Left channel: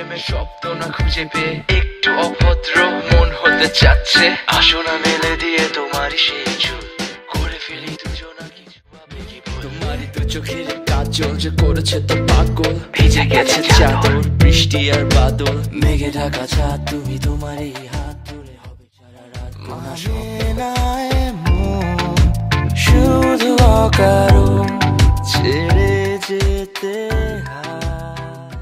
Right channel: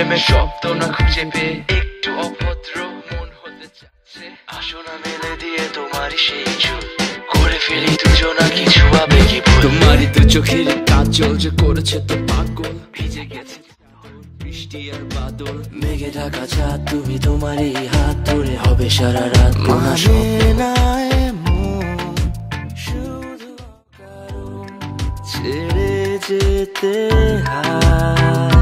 প্রেমের শব্দ না খুঁজে পেয়ে একটু অভদ্র মন হতে চাচ্ছে। আসো না মেলে দিয়ে তোমারই সেই চুল, করে ফেলি দুজনা কিছু আবেগী ভুল। তোমারই দু চোখের কাজল যে করেছে তো পাগল, ভিজে গেছে চাদর বৃষ্টি আর বাদল, মেঘে ঢাকা চাঁদ তুমি তোমারই হাত ধরে হবে সারা রাত। মানে না এমন শুধু অকারণ ছেড়ে যেতে হয়।